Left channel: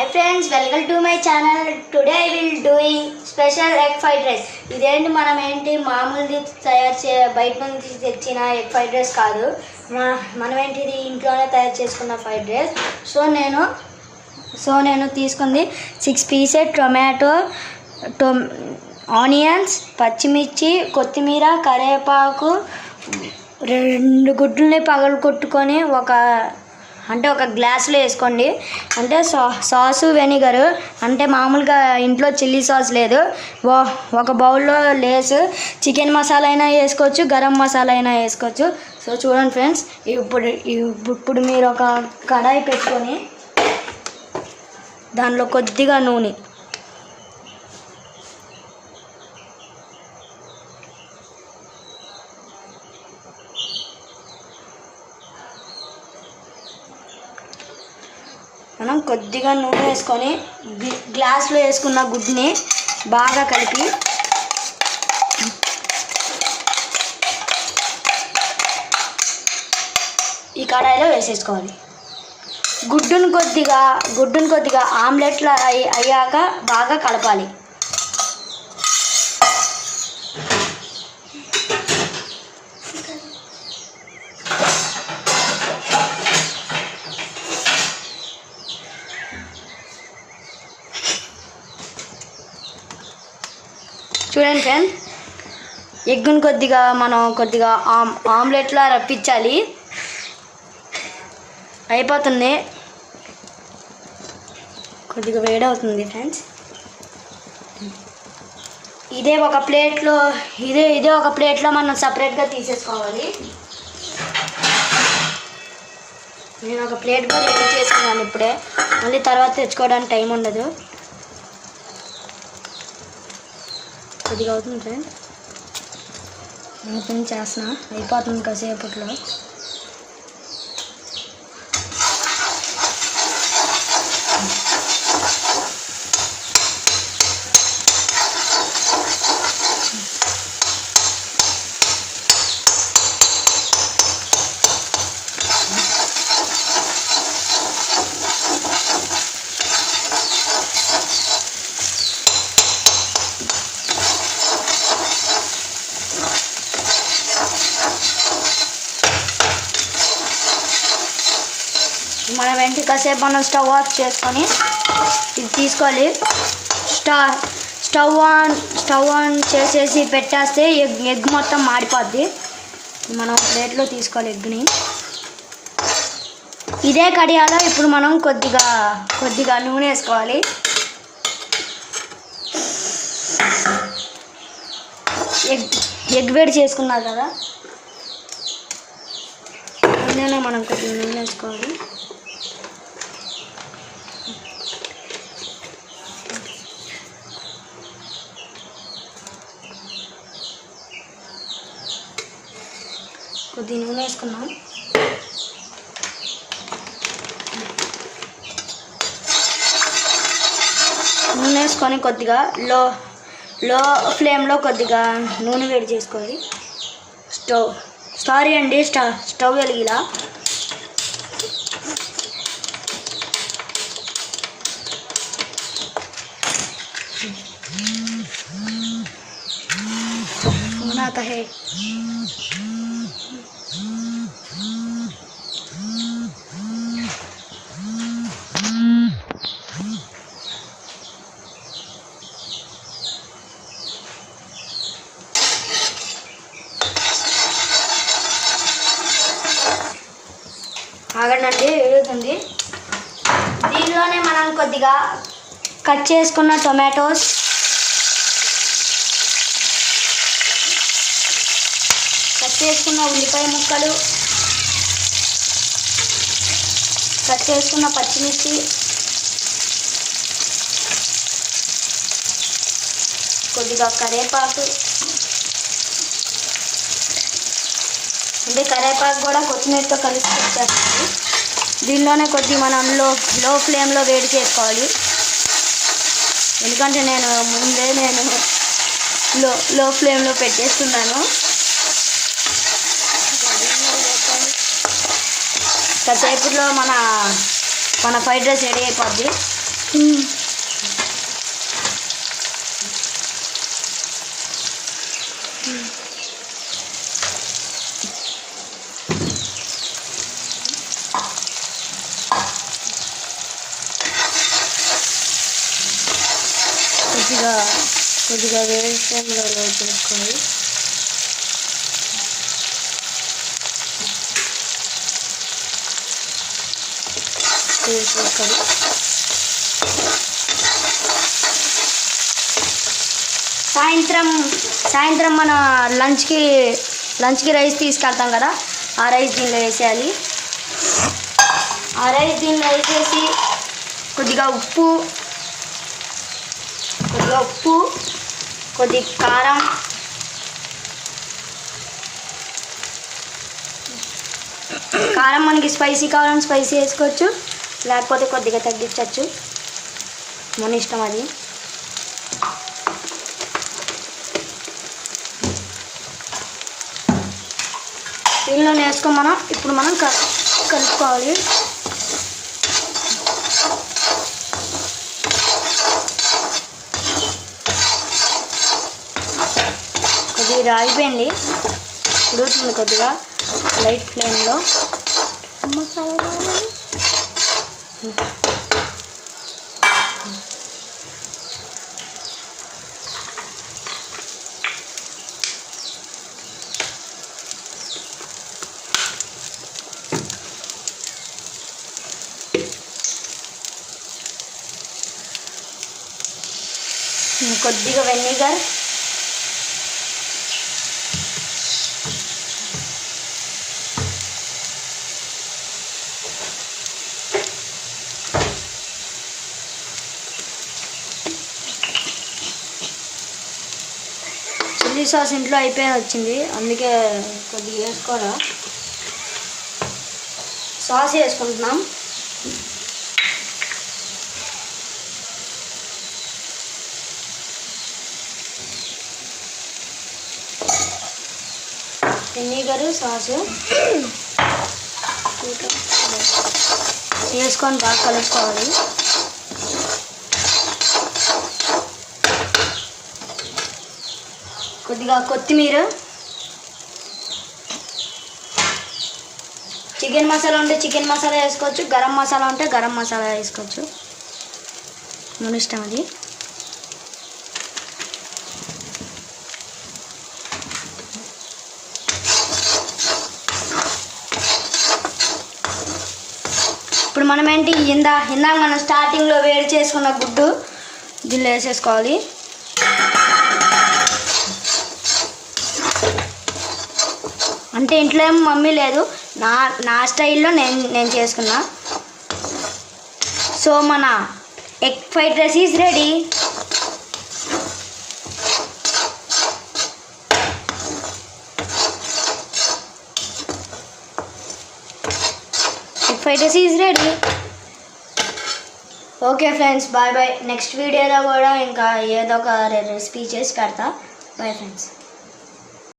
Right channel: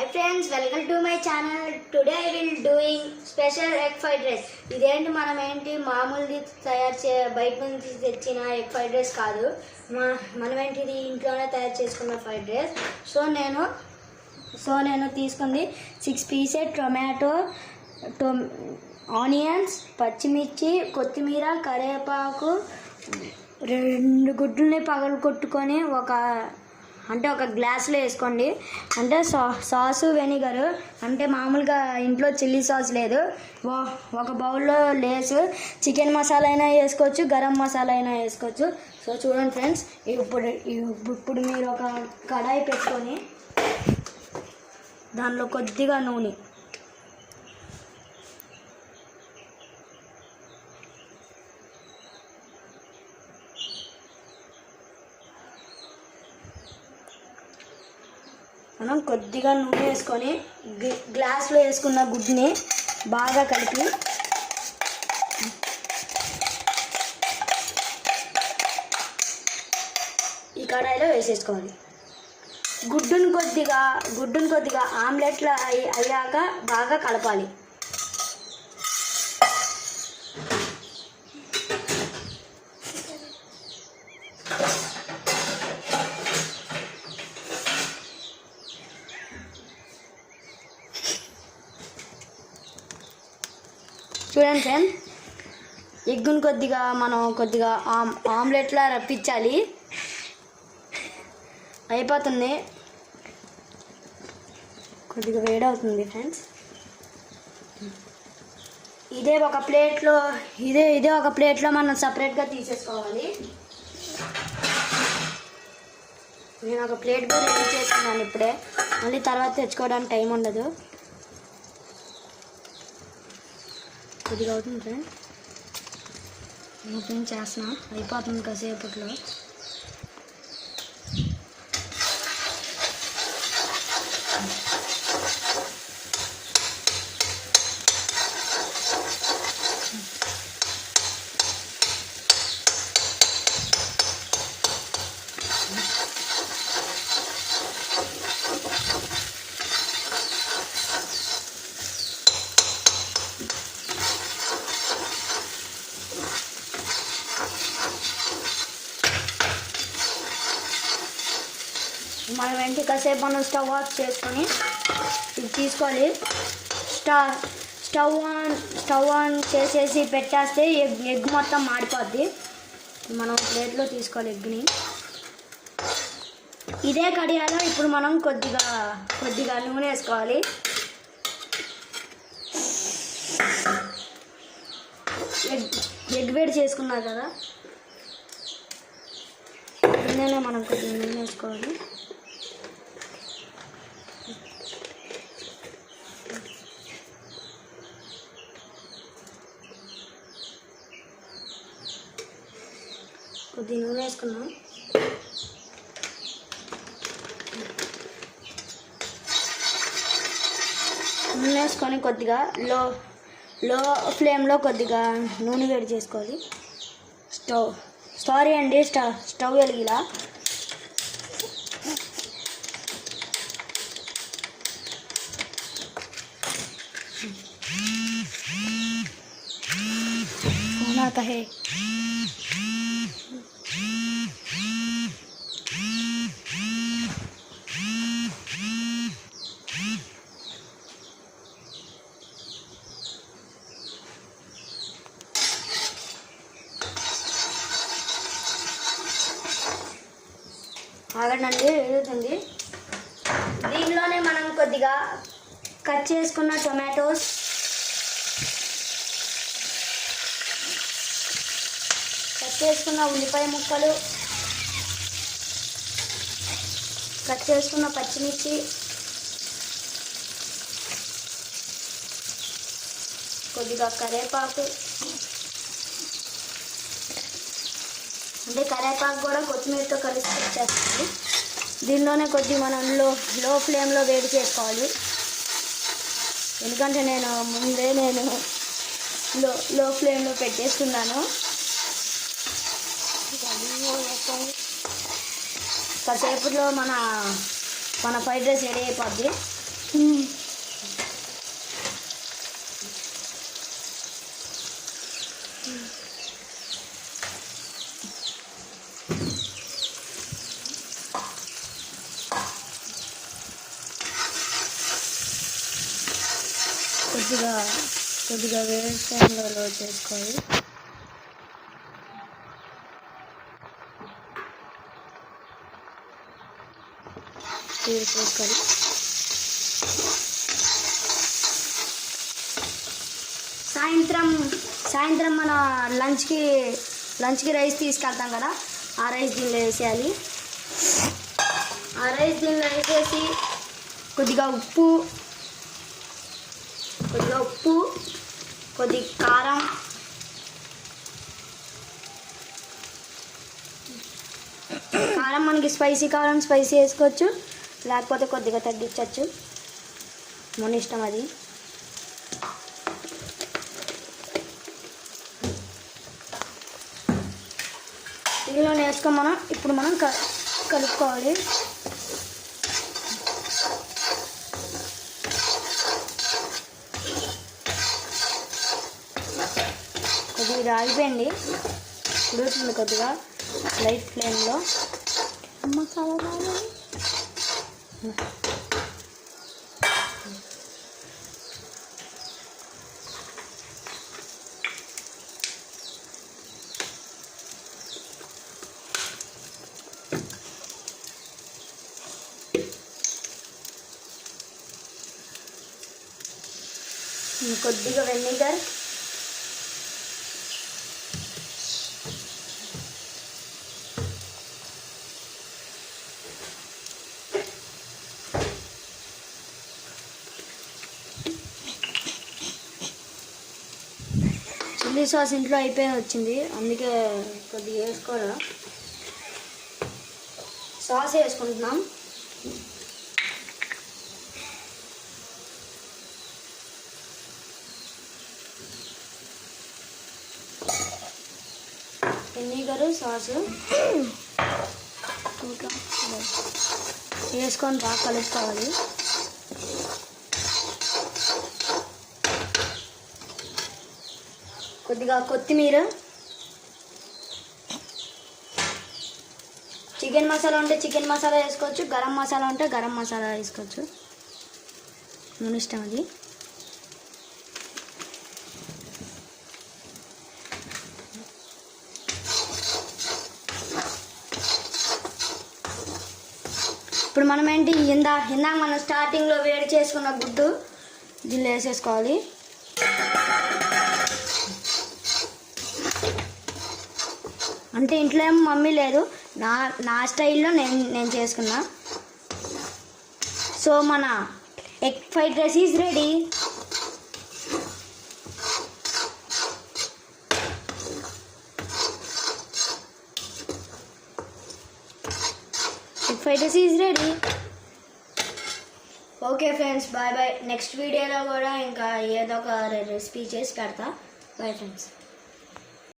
Hi friends, welcome to my channel. Today I will doing special egg fried rice. ఇదేంటి మనం ఏంటి మామూలుది బయట నుంచి తెచ్చిన ఎగ్ ఫ్రైడ్ రైస్ కాదు. మనం ఏంటి ఇది ఇంట్లోనే తయారు చేసుకున్న ఫ్రైడ్ రైస్. సో నేను తీసుకుంది 6 పీసెస్ టొమాటో, ఆనియన్స్, పచ్చిమిర్చి, కొత్తిమీర, కరివేపాకు, 2 గుడ్లని పగలు కొట్టుకొని ఒక గ్లాసులో వేసుకోండి. అంటే సాసు వెనిగరు, అంటే మామూలుగా ఇంట్లో చిల్లీ సాస్ లేదు, ఒక బౌల్లో లేస్, చికెన్ మసాలా అయినా వేసుకోవచ్చు, గరం మసాలా అయినా వేసుకోవచ్చు. సో చూడండి ఫ్రెండ్స్, ఇప్పుడు మీరు ఒక కడాయి పెట్టుకొని దానిలో కొద్దిగా నూనె, మనం కొద్దిగా నూనె వేసుకొని గ్లాస్లో వేసుకున్న గుడ్ని బాగా కలిపి ఈ కడాయిలో వేసేసుకోవాలి. గుడ్డును కొద్దిగా ఆమ్లెట్లా అయ్యాక బాగా కలపాలి. చూడండి ఫ్రెండ్, ఎగ్గును కొద్దిగా ఆమ్లెట్లా రప్పించాలి. అయిపోతుంది, కొద్దిగా వేడవుతుంది ఫ్రెండ్స్. ఇదే ఒక ప్లేట్లో మనం సపరేట్గా తీసేసుకోవాలి. నేను ఒక ప్లేట్గా రెడీ చేసుకున్నాను ఇప్పుడే, మళ్ళీ తర్వాత తెచ్చుకోవడానికి టైం ఉండదు. కొద్దిగా అవుతుంది ఫ్రెండ్, ఓపెన్ చేస్తున్నా, అయిపోతుంది కాసేపట్లో. మనం వెంటనే కాసేపు స్టవ్ ఆఫ్ చేసుకొని ఇది తీసుకోవాలి. స్టవ్ ఆన్ చేసేసి పెట్టేస్తే ఎగ్ మొత్తం మాడిపోద్ది. మనం ప్లేట్లో తీసుకోవాలి ఎగ్ని. ఇదే కడియాలో ఇప్పుడు మనం కొద్దిగా నూనె వేసుకోవాలి. ఎగ్ వేడి చేసుకున్నారు కదా, నూనెలో మనం కొద్దిగా నూనె వేసుకోవాలి. కొద్దిగా నూనె వేసుకున్నాం. నూనె వేసుకొని కొద్దిగా లో ఫ్లేమ్లో కొద్దిగా నూనె వేడి చేసుకోవాలి. స్టవ్ వెలిగిలా है. ఆగండి, వేగుతుంది. దీనిలోనే మనం కొద్దిగా కట్ చేసుకున్న టొమాటోస్, కట్ చేసుకున్న ఉల్లిపాయ ముక్కలు, కట్ చేసుకున్న పచ్చిమిర్చి, కొద్దిగా కరివేపాకు, అంటే కరివేపాకు కూడా కొత్తిమీరతో కలిసి వచ్చేస్తుంది. దీనిలోనే మనం లో ఫ్లేమ్లో వేడి చేసుకోవాలి. ఎందుకంటే నేను లో ఫ్లేమ్లో పెట్టేస్తున్నాను. కాసేపులో మన ఫ్రైడ్ రైస్ రెడీ అయిపోద్ది. కొద్దిగా వేడి ఫ్లేమ్లో చేసుకోండి. సాయంత్రం మన లంచ్కి రైస్ తీసుకెళ్తాం కదా, ఆ రైస్ దీనిలో వేసేయాలి. ఆ రైస్ దీనిలో వేసేసి కొద్దిగా ఉప్పు, కొద్ది కారం, మనకి స్పైసీ కావాలని స్పైసీ వేసుకోవచ్చు, లేకపోతే కొద్దిగా తగ్గించవచ్చు, మన ఇష్టం అది. దీనిలో వేసుకొని ఇప్పుడు మనం కలుపుకోవాలి. కొద్దిగా ఆగిపోయింది, ఉడుకుతుంది కొద్దిగా లైట్ ఫ్లేమ్లో. కొద్దిగా వెనిగర్, చిల్లీ సాస్ ఇంట్లో అయిపోయి వచ్చింది, అందుకే కొద్దిగా వేసుకోవాలా. సాస్ వేసుకుంటున్నాం. వెనిగర్, సాసు వేసుకొని బాగా కలుపుకోవాలి. కొద్దిగా కొత్తిమీర, చికెన్ మసాలా ఉంటే చికెన్ మసాలా వేసుకోవచ్చు, గరం మసాలా ఉంటే గరం మసాలా వేసుకోవచ్చు, మన ఇష్టం అది. ఇప్పుడు మనం ఏంటి, ఇందాక మనం స్టార్టింగ్లో వేడి చేసుకున్న గుడ్డు దీనిలో వేసేసుకోవాలి. అంటే ఇంట్లో ఏం మమ్మీ లేదు, నా స్టైల్లో నేను చేసుకున్నా. సో మన egg fried rice is ready. Fried rice is ready. Okay friends, bye bye. Next వీడియోలో కూడా ఇంకా ఏదో ఒక రెసిపీ చేసి పెడతా. Bye friends.